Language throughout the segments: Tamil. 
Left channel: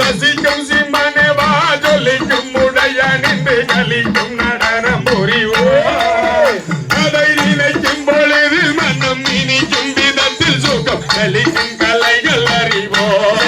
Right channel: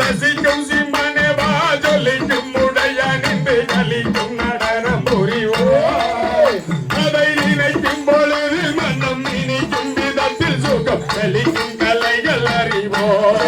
ரசிக்கும் சிம்மனே வாஜொலிக்கும் உடைய நின்று கலிக்கும் நடனம் புரிவோம் அதை நினைக்கும் பொழுது மனம் இனிக்கும் விதத்தில் சுகம் கலிக்கும் கலைகள் அறிவோம்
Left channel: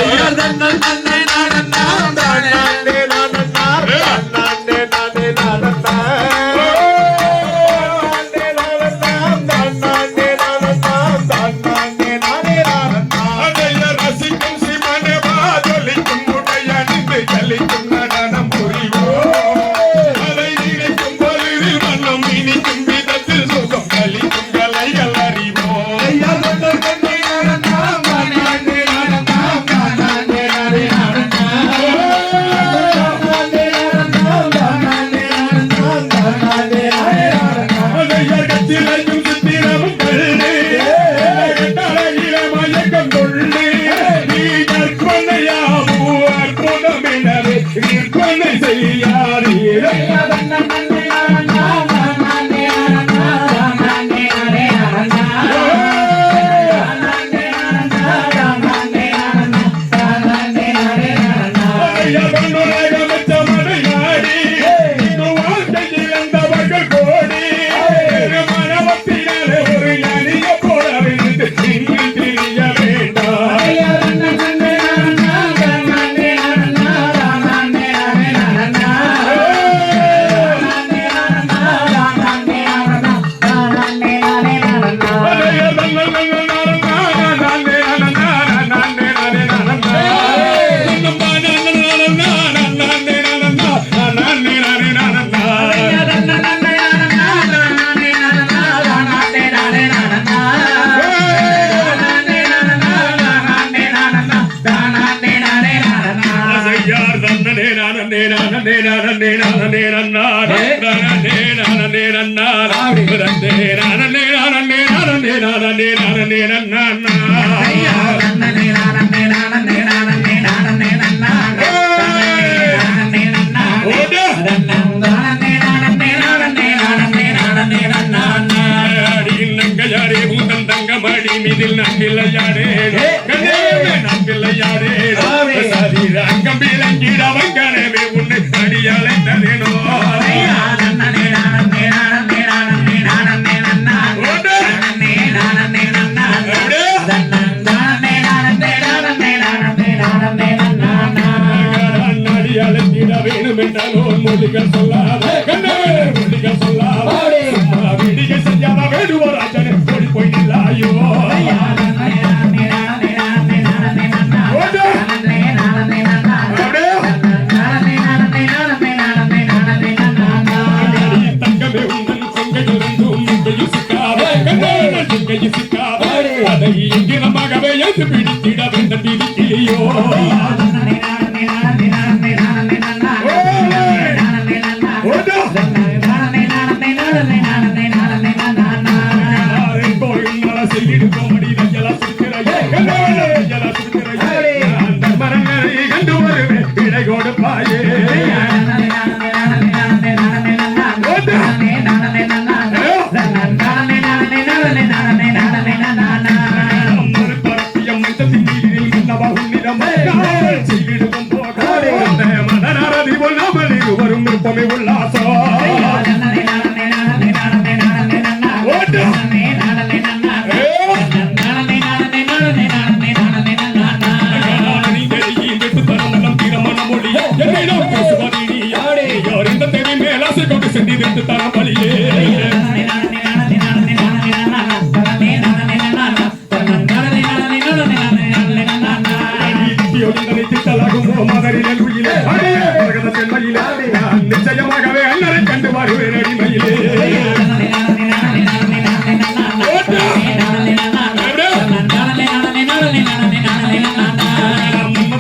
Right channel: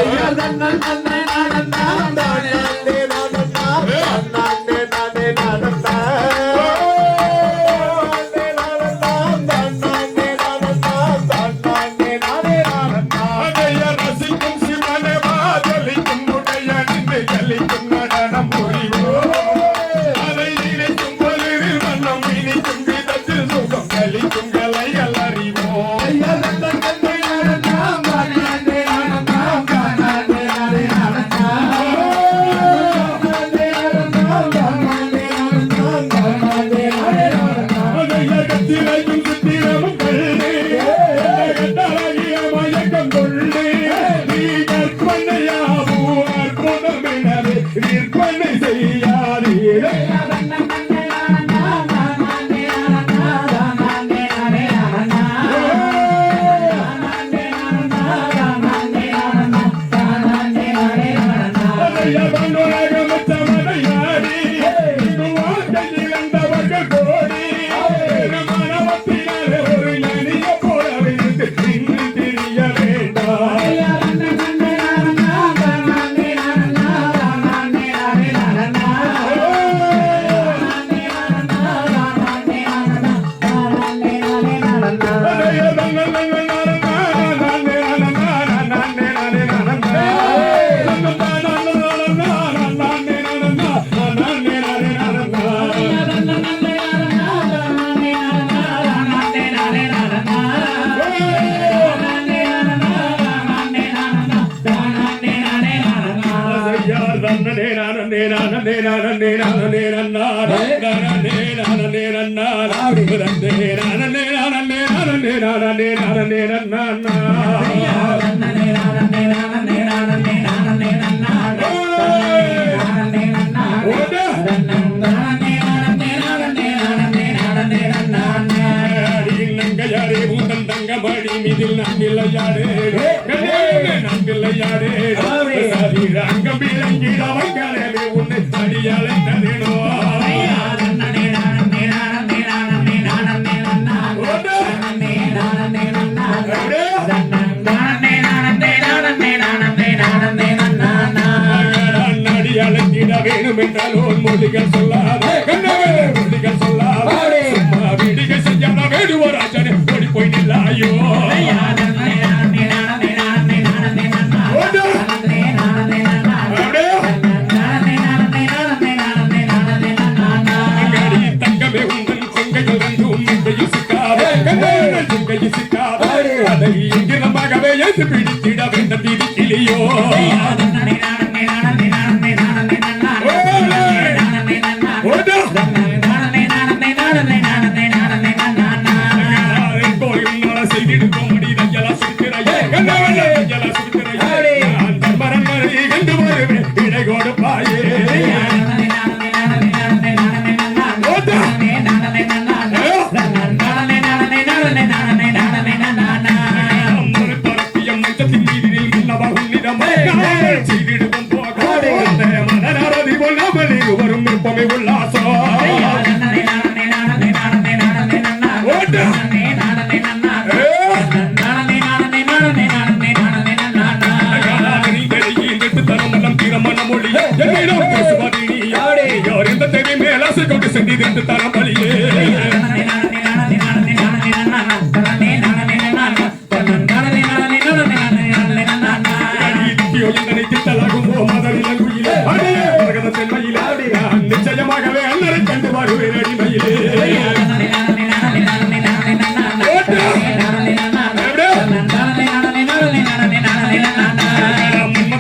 நிச்சயமாகவே அண்ணரை கண்டு வருவேன் அடிமையிலே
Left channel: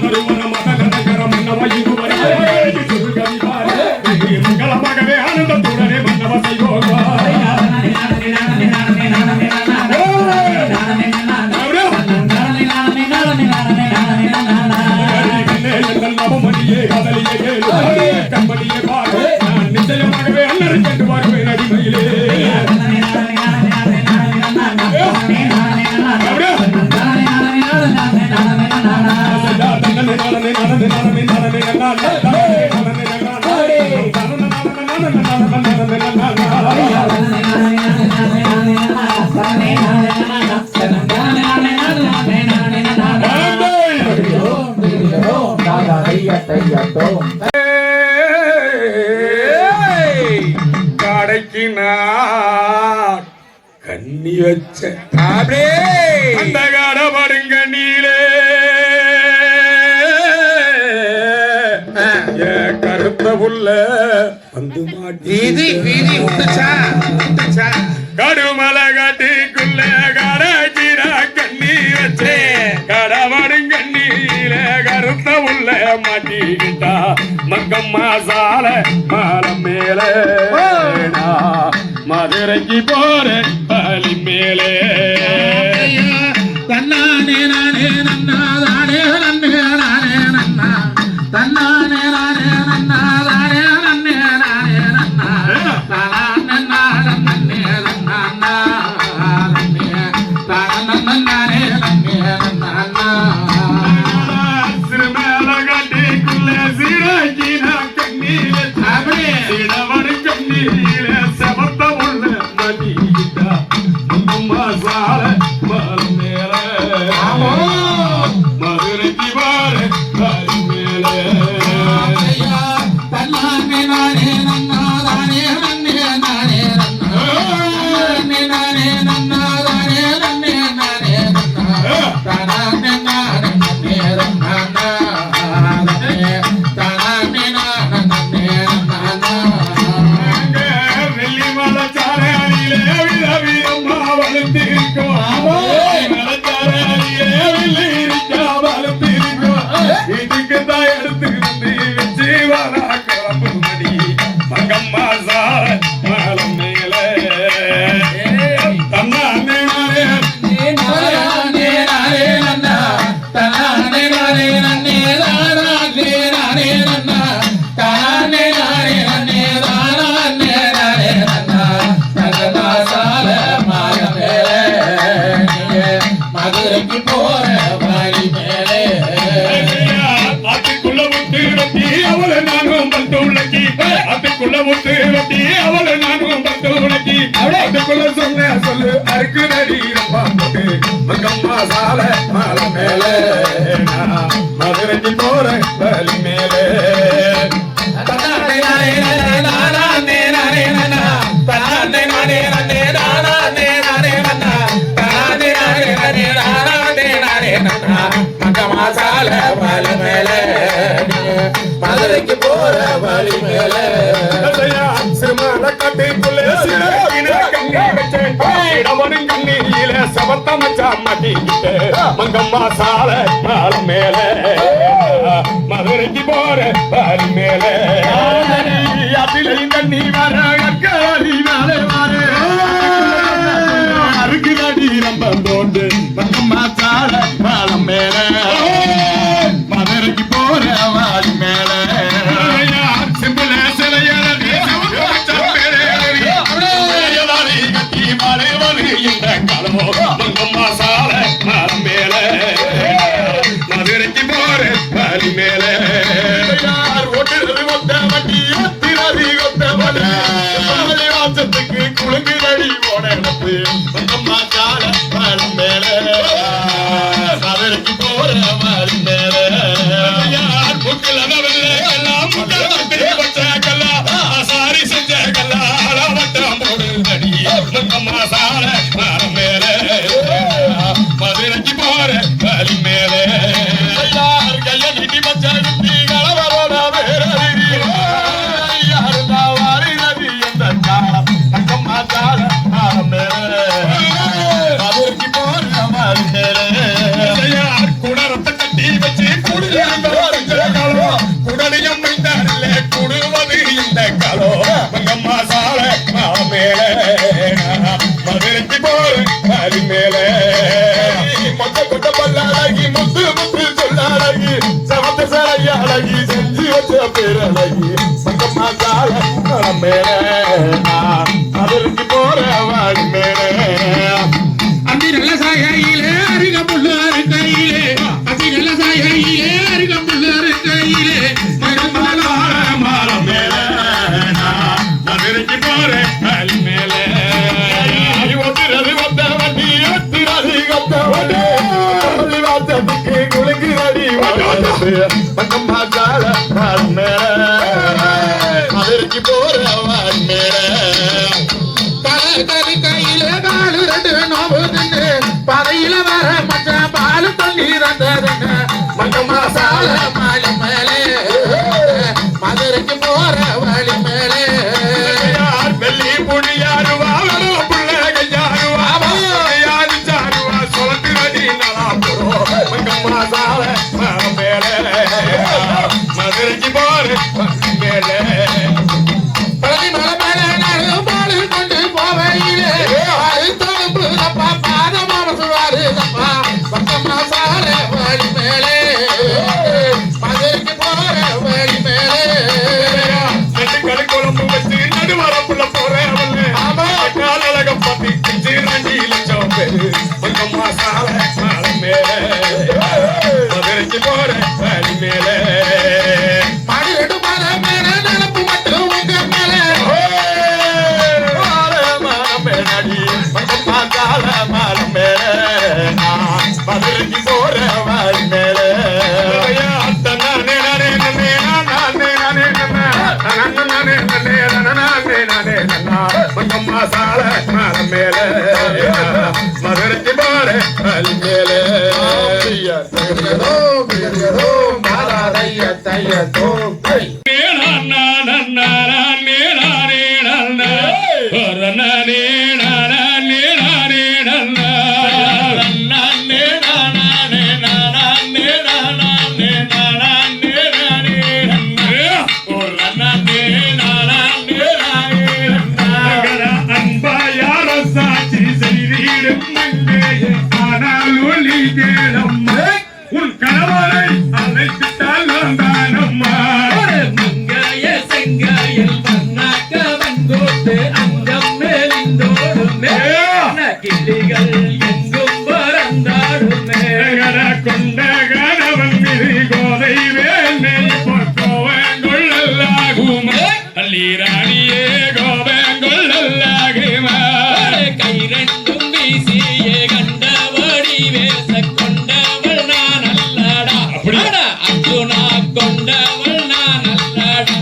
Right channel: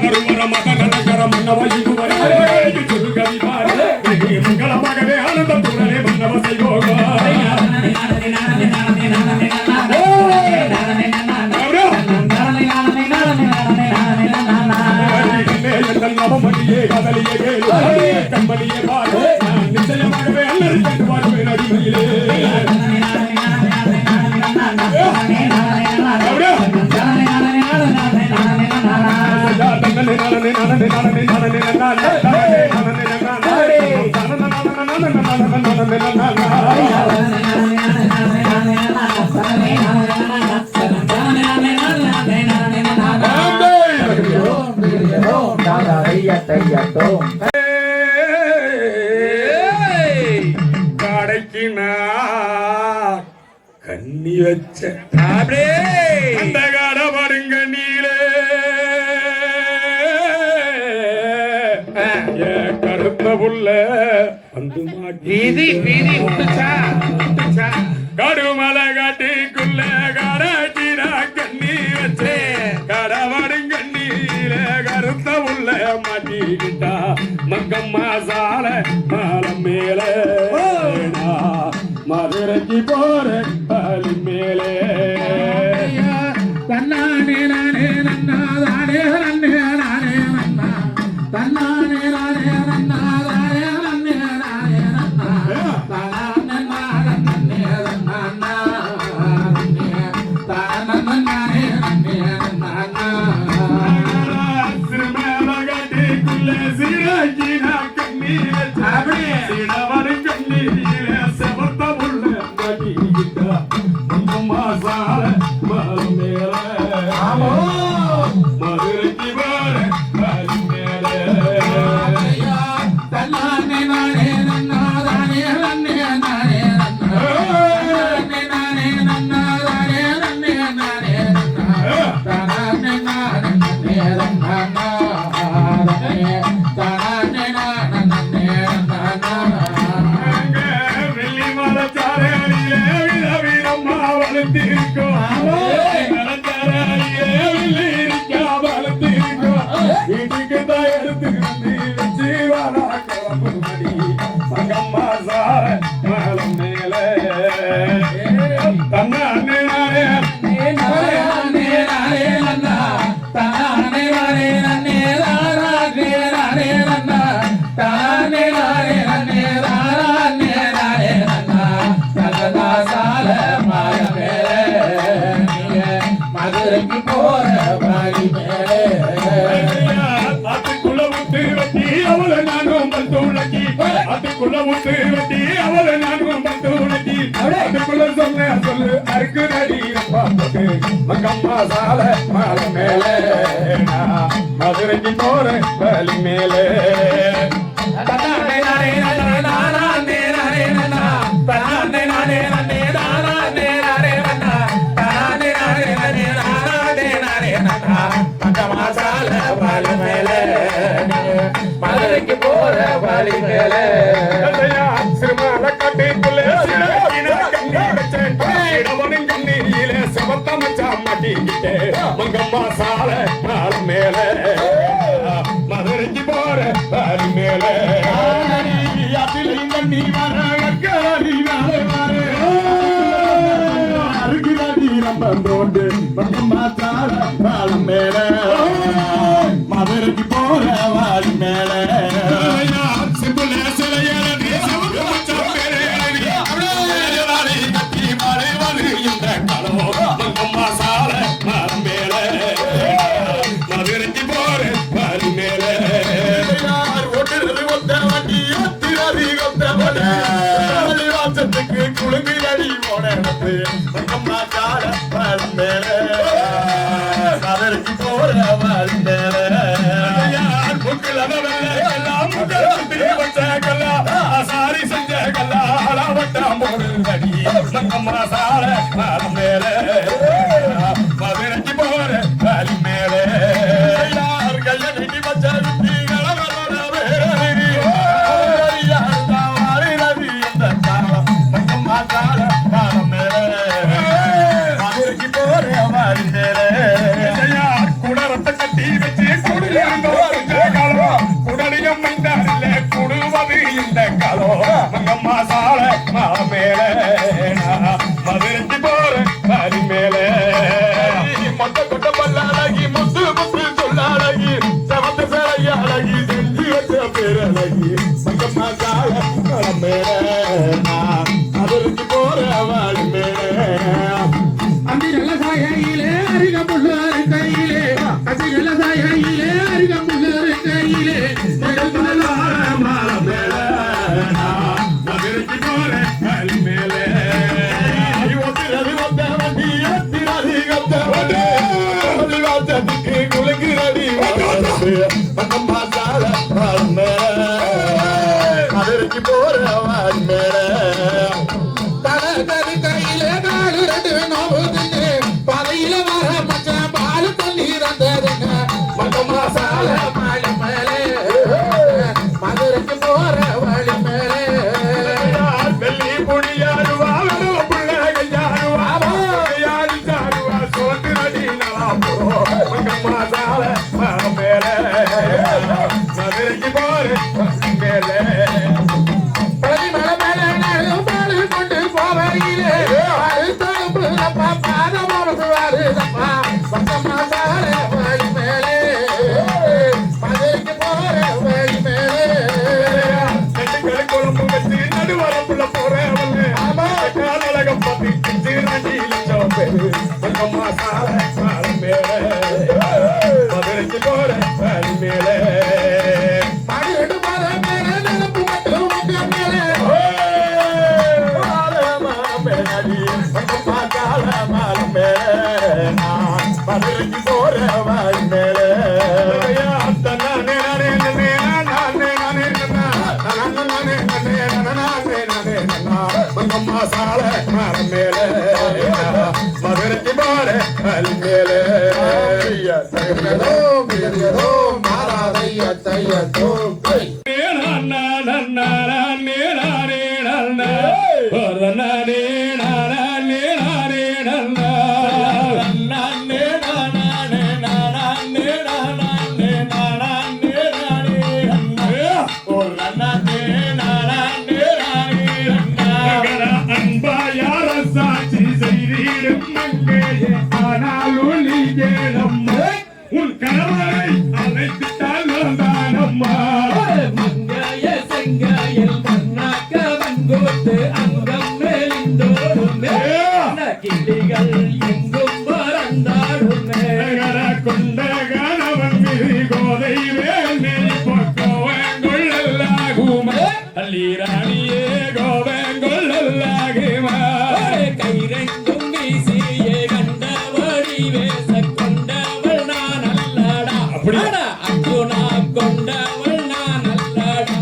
வருவர மத நகர மன்னவாய் மங்களமாகவே ஆனந்தத்துடனே மன்னவ செய்வோம் நவமணியே கதலியே கண்மணியே பாரு நிச்சயமாகவே அண்ணரை கண்டு வருவேன் அடிமையிலே கடைக்கு நான் கண்ணி வச்ச அந்த கடை வருங்க நீலே கருத்த புள்ள வந்து வீதி விட்டுச்சா கடுமலை காட்டுக்குள்ள கடைக்கிற கண்ணி வச்சே கடவடுங்க நீல கருத்த உள்ள மாட்டிக்கிட்டா மங்கம்மா சால மரம் மேல மதுரைக்கு போற பலி மேலே தன்னானே நானே நன்னா தானே நன்னே நானே நன்னா தன்னானே நானே நன்னா தானே நன்னே நானே நன்னா தானே நானே நன்னே நன்னா நன்னே தானே நானே நன்னே நன்னா சிறுமேல கட்டிக்குள்ள சீரகின கண்ணி வச்சாவே இடவரு கண்ணியில செவத்த உள்ள மதியிட்டா மங்கம்மா சால மரம் மேல மதுரைக்கு வார பலி மேலே தன்னானே நானே நன்னா தானே நன்னே நானே நன்னா நானே நன்னா தானே நன்னே நானே நன்னா தானே நானே நன்னே நன்னா தானே நானே நன்னே நன்னா வெள்ளிமலை சாலையிலே விதவிதம்மா வளர்த்திருக்கோம் இதுக்கு தான் எடுத்துக்கிட்டு வச்சு வரா கிளம்பு மணி மங்கம்மா சார மலம் மேல தன்னானே நானே நானே நானே நன்னா தானே நானே நன்னே நானே நானே நன்னா தானே நானே நன்னே நானே நானே நன்னா தன்னதா சால மாய மேலே மதுரைக்கு போற வழி மேலே அதுக்குள்ள விட்டு வெட்டி அவளை நானும் வந்து உலக்கி அதுக்குள்ள விட்டு வெட்டி அவளை நானும் வந்து உலக்கி அதுக்குள்ள சொல்லு அருக்கு நடி போட்டு மங்கம்மா சால மாலை மேலே மதுரைக்கு போற வழி மேலே தானே நானே நானே நானே நன்னா தானே நானே நன்னே நானே நானே நன்னா தானே நானே நானே நானே நானே நன்னா மங்கம்மா சால வழி மேலே மதுரைக்கு போற வழி மேலே சிறுமலை காட்டுக்குள்ள சிறுகின கண்ணி வச்சேன் இடவனும் கண்ணியில சபத்த மச்சா மாட்டிக்கிட்டு மங்கம்மா சால மாலை மேலே மதுரைக்கு போற வழி மேலே அதிலையும் கண்ணி வர அக்காலி மேலே வர அருக்கு நடி ரொம்ப தோண்டு மங்கம்மா சால மாலை மேலே மதுரைக்கு போற வழி மேலே சிம்பிள சிலையல கட்டி மாலை வந்து இந்த கலவோ மங்கம்மா சால மரம் மேல மதுரைக்கு போற வழி மேல ஓட்டுறது ஒத்த வண்டி எத்திரதி ஒத்த வண்டி வந்தாலோ மங்கம்மா சாலை மேலே மதுரைக்கு போற காலி மேலே மொத்த கொட்ட பல்லாடகி முத்து முத்து சொல்லாடகி சமத்த சாலை அழகி செஞ்சு வச்ச பேரழகி மங்கம்மா சாலை மேலே மதுரைக்கு போற வாடி மேலே அந்தி நல்ல சாயிலே அருகம்புள்ள கையிலே அந்தி நல்ல சாயிலே அருகம்புள்ள கையிலே மங்கம்மா மாலை மேலே மதுரைக்கு போற காலி மேலே மங்கம்மா சால மதுரைக்கு போற கறி கையிலே பாலு ரெண்டு நோவு தின்னு பதையில வர மச்ச பாலு தண்ணி ரந்ததுன்னு மங்கம்மா சால மாலை மேலே மதுரைக்கு போற வழி மேலே வெள்ளி புடியாருவா பிள்ளையாருவா யாரு சாருவா சொல்லுறடி மங்கம்மா சால மேலே மதுரைக்கு போற மேலே பழனி மலை மேலே நானும் பாலு கொண்டு போவையிலே அழுத்தொழுப்பு தப்பா பாதம் அவசுவாரு தப்பா மங்கம்மா சால வழி மேலே மதுரைக்கு போற வழி மேலே நெட்டுக்களை குழம்பு வச்சு நடுவரப்புள்ள போறேன் காலழகம் பத்தி சிறண்டி லட்சம் பேரு மங்கம்மா சால மேலே மதுரைக்கு போற வழி மேலே மடியெடு மலை மேலே நிலப்பு மட்டும் உங்க மேலே மங்கம்மா சால மதுரைக்கு போற வழி மேலே மங்கம்மா சால மேலே மதுரைக்கு போற வழி மேலே உன் கணவரை அழைத்துட்டால் தானம்மா மங்கைய செங்காயல் பன்னாக்கவன் கோட்டு அங்கம் மேலிந்தோடுமே கிளிகள் எங்கும் பறந்தாடுமே கொண்ட கணவன் மீது கோதை வேலை கோவங்கொள்ளலாகுமா அல்லீராணியே கோவங்கொள்ளலாகுமா கை ரெண்டும் வீசியே கண்டபடி வேச கொண்டவள் நான் அல்லடா அர்ஜுனா கொண்டவள் நான் அல்லடா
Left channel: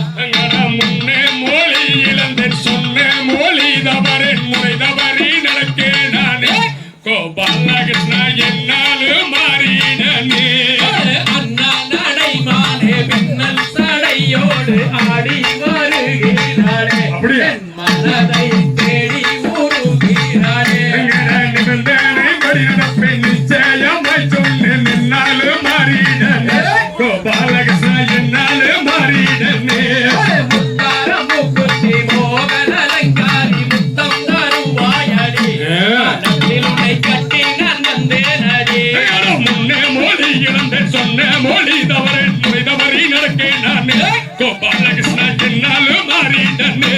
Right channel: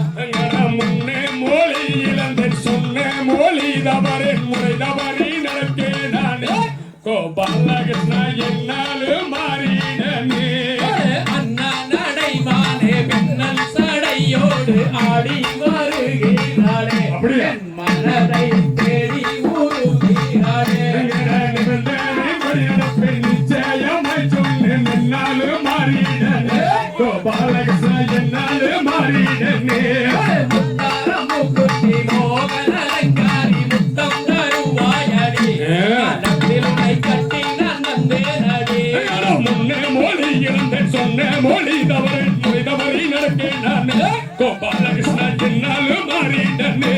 முன்னே மொழி இழந்தேன் சொன்ன மொழி தவறேன் முறை தவறி நடக்கே நானே கோபாலகிருஷ்ணா என்னாலும் மாறினே அண்ணா நடைமானே பின்னல் சடையோடு ஆடி வருகிறாளே என் மனதை தேடி ஊருகிறாளே நிச்சயமாய் சொன்னேன் என்னாலும் மாறினே கோபாலகிருஷ்ணா என்னாலும் மாறினே முத்தாரம் மூக்குத்தி மோகன அலங்காரி முத்தம் தரும் வாயாடி நட்டில் உன்னை கட்டி நான் வந்தேனடி முன்னே மொழி இழந்தேன் சொன்ன மொழி தவறேன் முறை தவறி நடக்கே நானே கோபாலகிருஷ்ணா என்னாலும் மாறினே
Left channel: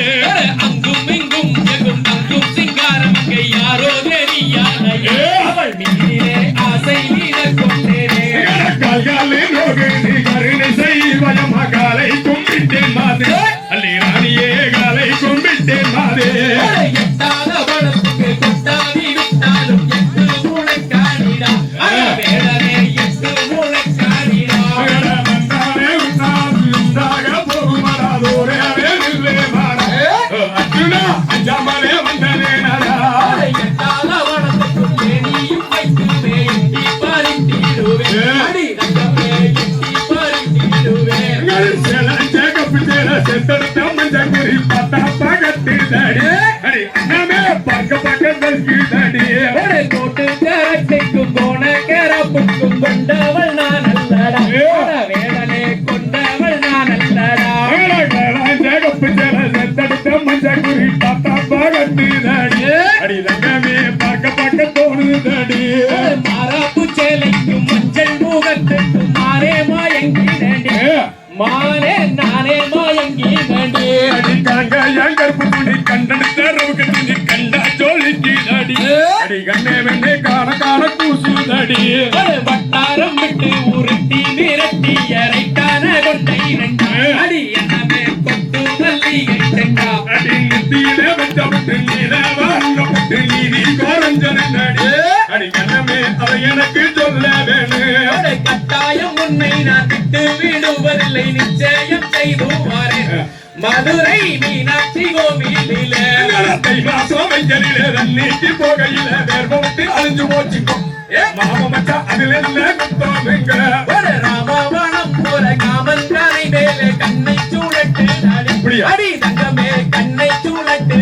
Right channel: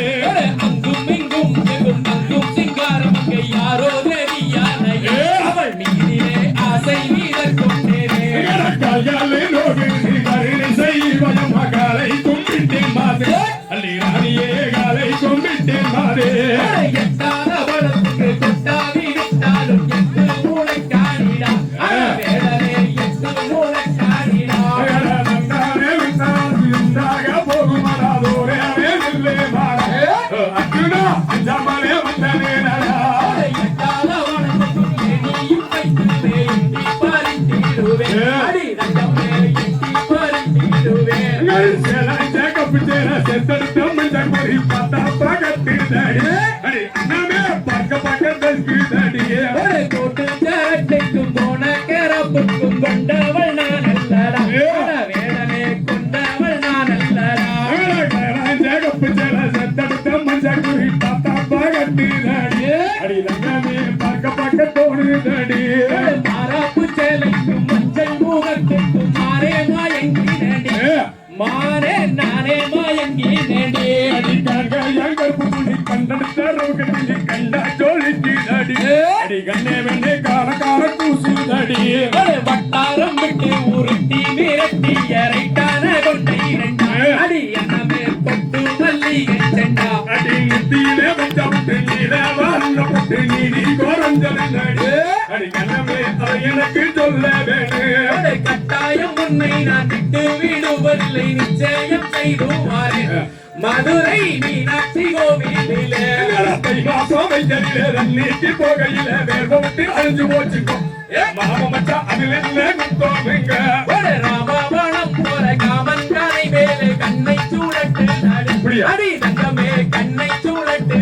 அங்கும் இங்கும் எங்கும் அங்கும் சிங்காரம் அங்கே யாரோ தெரியாதையே அவள் நீரே ஆசை கொண்டேனே கால்காலே ரோகிணி கருணை செய்வயம் காலை கும்பிட்டேன் மாதே அல்லி ராணியே காலை கும்பிட்டேன் மாதே எட்டாத பணத்துக்கு கொட்டாவி விட்டாலும் எட்டு மூளை காணிடா வேடனே எட்டு மூளை காணிடா நந்தானே உண்டாக போகுமராதோரே இல்லை மாறே அர்ஜுனா அஞ்சாமலே வந்தனே நாடா எட்டாத பணத்துக்கு தேனியும் கைக்குமே எட்டி பறித்திடுவேன் அடி ரங்கமே எட்டி பறித்திடுவேன் செத்தெடுத்த மஞ்சள் குறி பார்த்தா பகத்து தடி நாங்க என் கருப்பு துணி கண்டெடுத்த ரவுக்கு துணி கண்டா ஜோலிக்கு அடி அடி கண்ணே வெண்ணே காண காண கூசுதடி வட்டாரம் விட்டு உருட்டி மிரட்டி இறைக்கான கொண்டை இரண்டா அடி என்னமே கொட்டு மல்லிகை செண்டா அடி முத்தியில வச்சப்பட்டு நீல வாங்கப்பட்டு நீதி கோரஞ்சனடி அடி கண்ணமே அதை எனக்கு சொல்ல வேணும் கட்டாயம் உன்னை நான் விட்டு விடுவதில்லை நிச்சயம் செய்து மாறேன் மதுரை மீனாட்சி கோவிலிலே தை மாசம் வெஞ்சலில நீட்டி போகையில வேர்வட்டு அழிஞ்சு போச்சுக்கும் மச்சான் அதில் என்ன குத்தோங்க ராமவனம் போல காமன் கரை மேலே கண்ணை சூழட்டு அடி தங்கமே கண்ணை சூழட்டு